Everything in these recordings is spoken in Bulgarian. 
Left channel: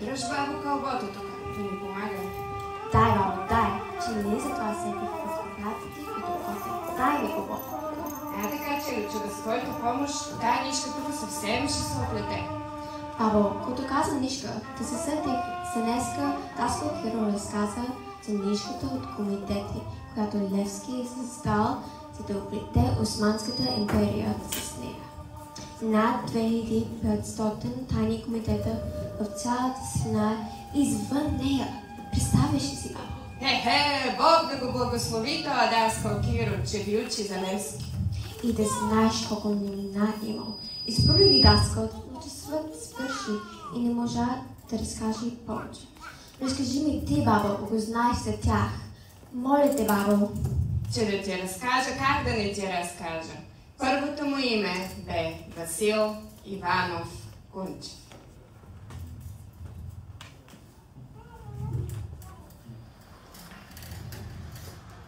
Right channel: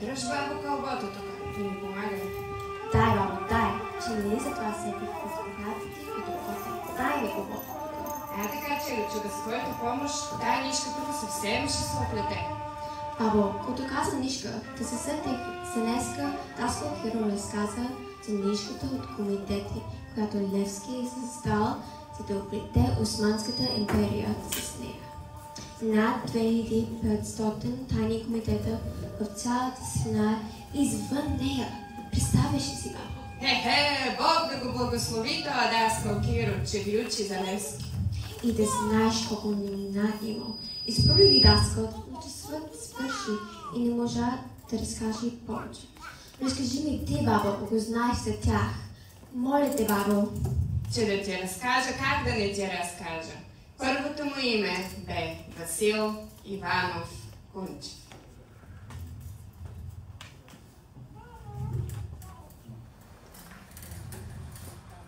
дръж бабо кълбото тук. Ти ми помагай. Дай, бабо, дай. Че не за това сетих с богатите и докоси. Дай ми кълбото. Така, че с твоята помощ тая нишка тук съвсем ще се оплете. Бабо, като каза нишка, да се сетих се днеска Таско Киро разказа за нишката от комитети, която Левски е създал, за да оплете Османската империя с нея. Над 2500 тайни комитета в цялата страна извън нея. Представяш ли си, бабо? Бог да го благослови това Даскал Киро, че ви учи за Левски. И да знаеш колко новина имал. Изпълни ги Даскал, но че свът свърши и не можа да разкаже повече. Разкажи ми ти, бабо, ако го знаеш за тях. Моля те, бабо. Че да ти разкажа, как да не ти разкажа. Първото му име бе Васил Иванов Кунчев.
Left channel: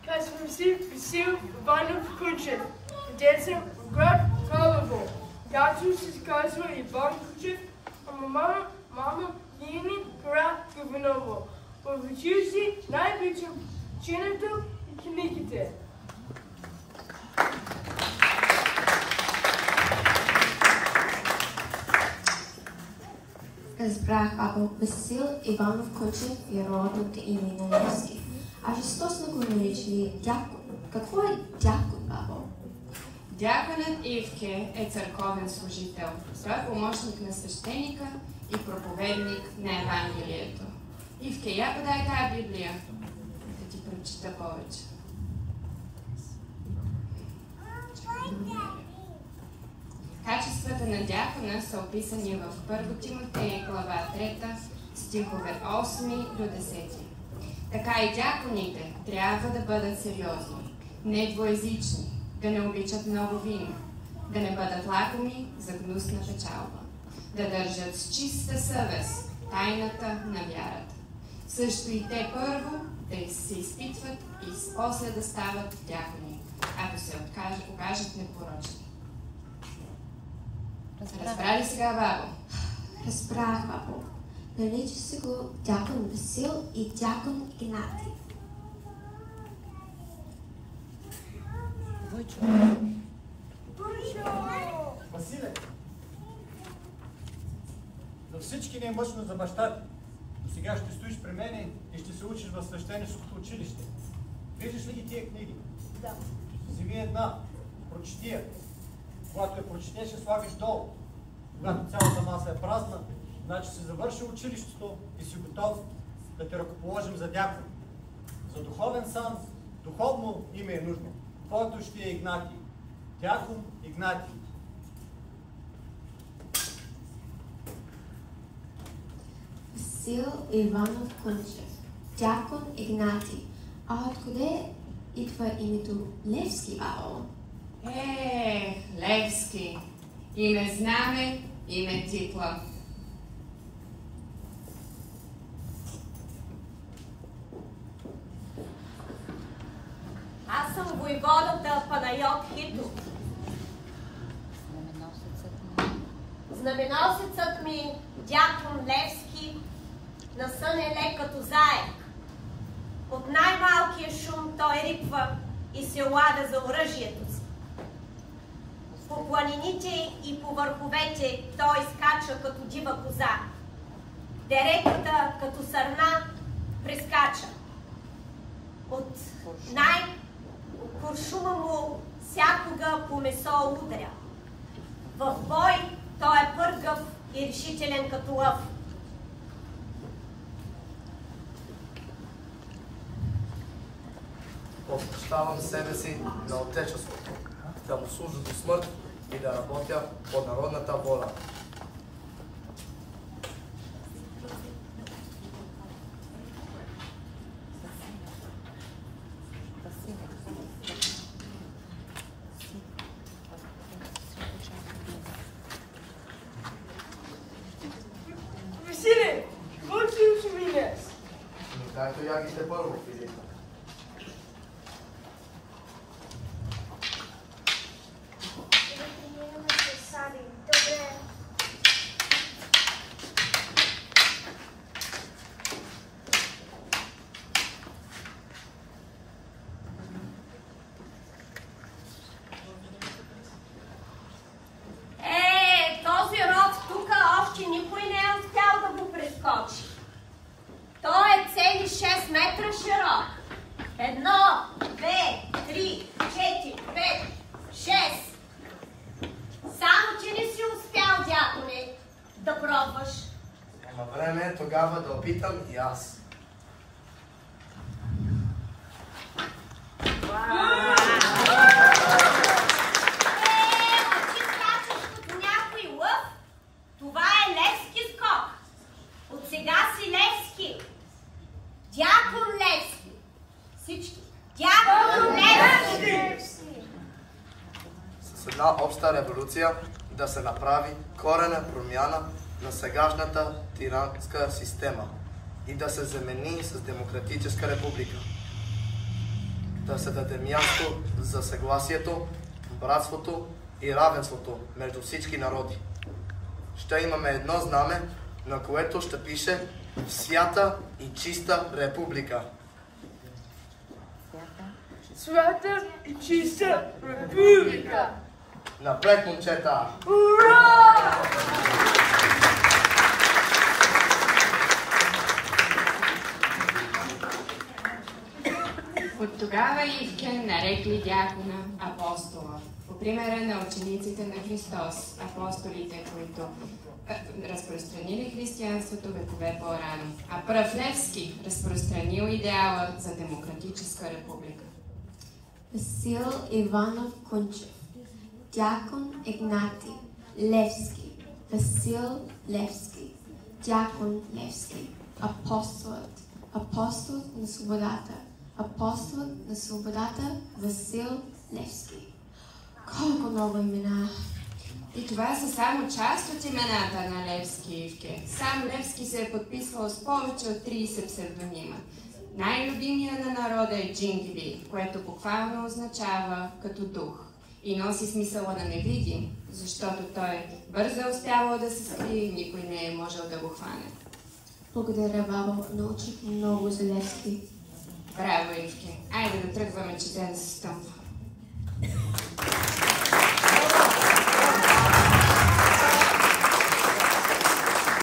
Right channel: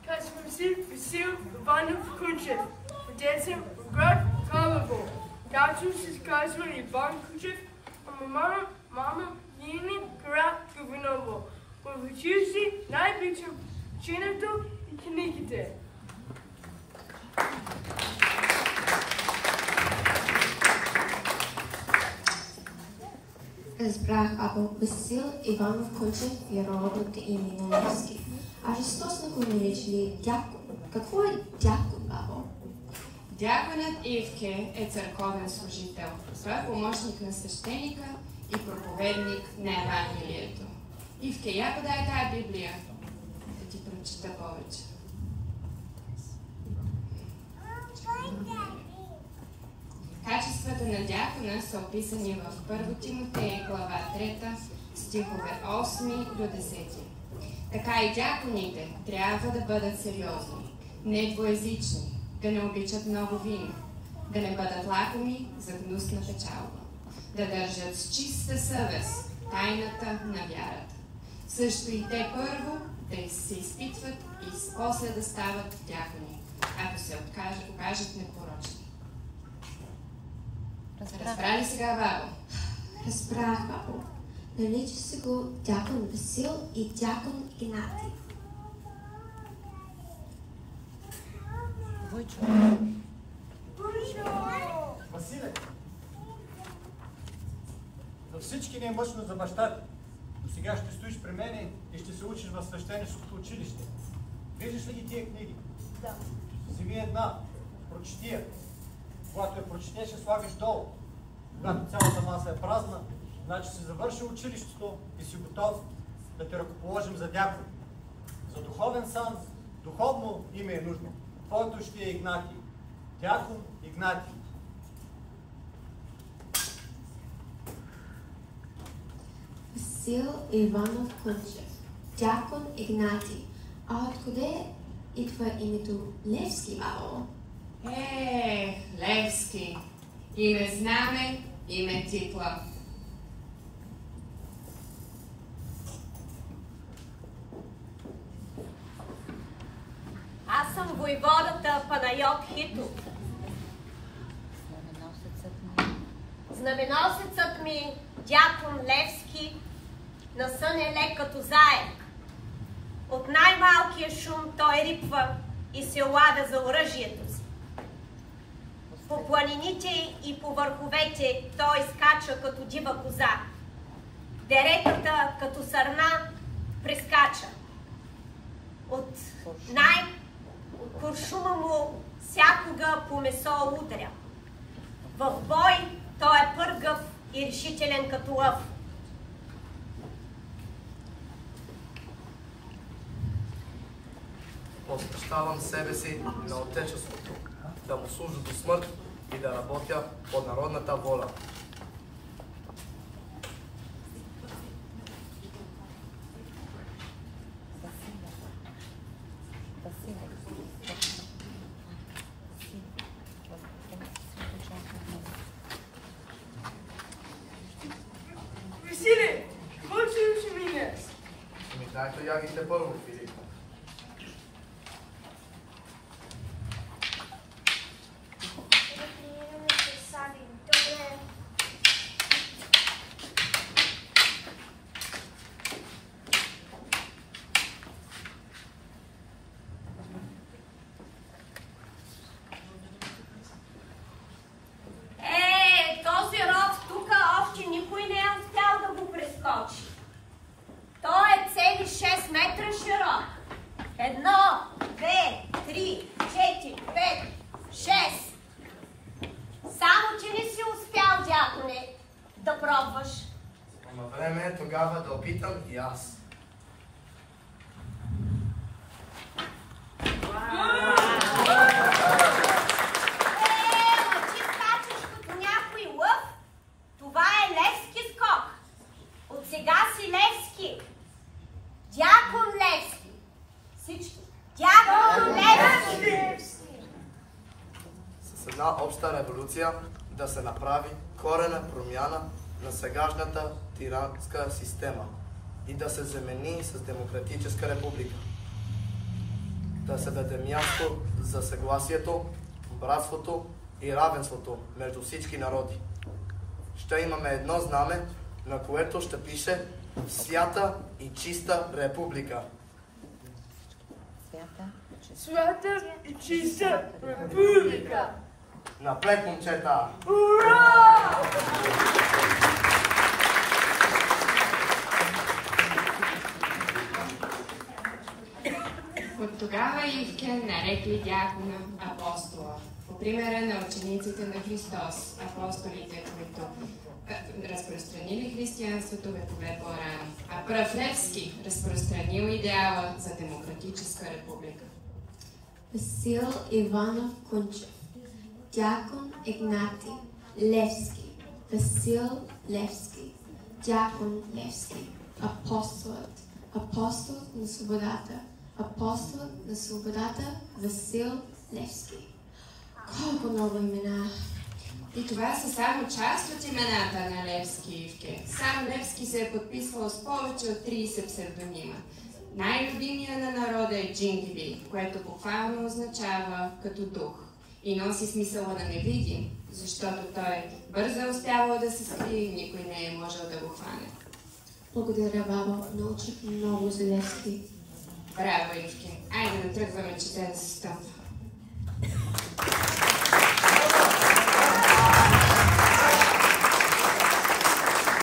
Казвам си Васил Иванов Кунчев. Роден съм в град Карлово. Татко се казва Иван Кунчев, а мама Нини Карагавинова. Учил си най-обичам чинето и книгите. Разбрах, бабо, Васил Иванов Кунчев е родното име на Левски. А защо сме го наричали дякон? Какво е дякон, бабо? Дяконът Ивке е църковен служител. Той е помощник на свещеника и проповедник на Евангелието. Ивке, я подай тая Библия, да ти прочита повече. Качествата на дякона са описани в 1 Тимотей, глава 3, стихове 8 до 10. Така и дяконите трябва да бъдат сериозни, не двоезични, да не обичат много вино, да не бъдат лакоми за гнусна печалба, да държат с чиста съвест тайната на вярата. Също и те първо да се изпитват и после да стават дякони, ако се окажат непорочни. Разбра ли сега, бабо? Разбрах, бабо. Нарича се го дякон Васил и дякон Игнатий. Василе, за всички не е мъчно за баща ти. До сега ще стоиш при мене и ще се учиш в свещеническото училище. Виждаш ли ги тия книги? Да. Вземи една, прочети я. Когато я прочетеш, я слагаш долу. Когато цялата маса е празна, значи си завършил училището и си готов да те ръкоположим за дякон. За духовен сан, духовно име е нужно. Твоето ще е Игнатий. Дякон Игнатий. Васил Иванов Кунчев. Дякон Игнатий. А откъде идва името Левски, бабо? Левски. Име знаме, име титла. Аз съм войводата Панайот Хитов. Знаменосецът ми, дякон Левски, на сън е лек като заек. От най-малкия шум той рипва и се лада за оръжието си. По планините и по върховете той скача като дива коза. Деретата като сърна прескача. От куршума му всякога по месо удря. В бой той е пъргав и решителен като лъв. Посвещавам себе си на Отечеството, да му служа до смърт и да работя по народната воля. Василе, какво ти учи ми днес? Дайте ягите първо, Филип. да пробваш? Ама време е тогава да опитам и аз. Ти скачаш като някой лъв? Това е Левски скок. От сега си Левски. Дякон Левски. Всички. Дякон Левски. С една обща революция да се направи коренна промяна на сегашната тиранска система и да се замени с демократическа република. Да се даде място за съгласието, братството и равенството между всички народи. Ще имаме едно знаме, на което ще пише Свята и чиста република. Свята и чиста република! Напред, момчета! Ура! От тогава Ивкен нарекли дякона апостола, по примера на учениците на Христос, апостолите, които разпространили християнството векове по-рано, а пръв Левски разпространил идеала за демократическа република. Васил Иванов Кунчев, Дякон Игнати Левски, Васил Левски, Дякон Левски, апостолът на свободата, апостолът на свободата Васил Левски. Колко много имена! И това са само част от имената на Левски и Ивке. Сам Левски се е подписвал с повече от 30 псевдонима. Най-любимия на народа е Джингли, което буквално означава като дух и носи смисъла на невидим, защото той бързо е успявал да се скрие и никой не е можел да го хване. Благодаря, баба. Научих много за Левски. Браво, Ивке! Айде да тръгваме, че те да се стъпва.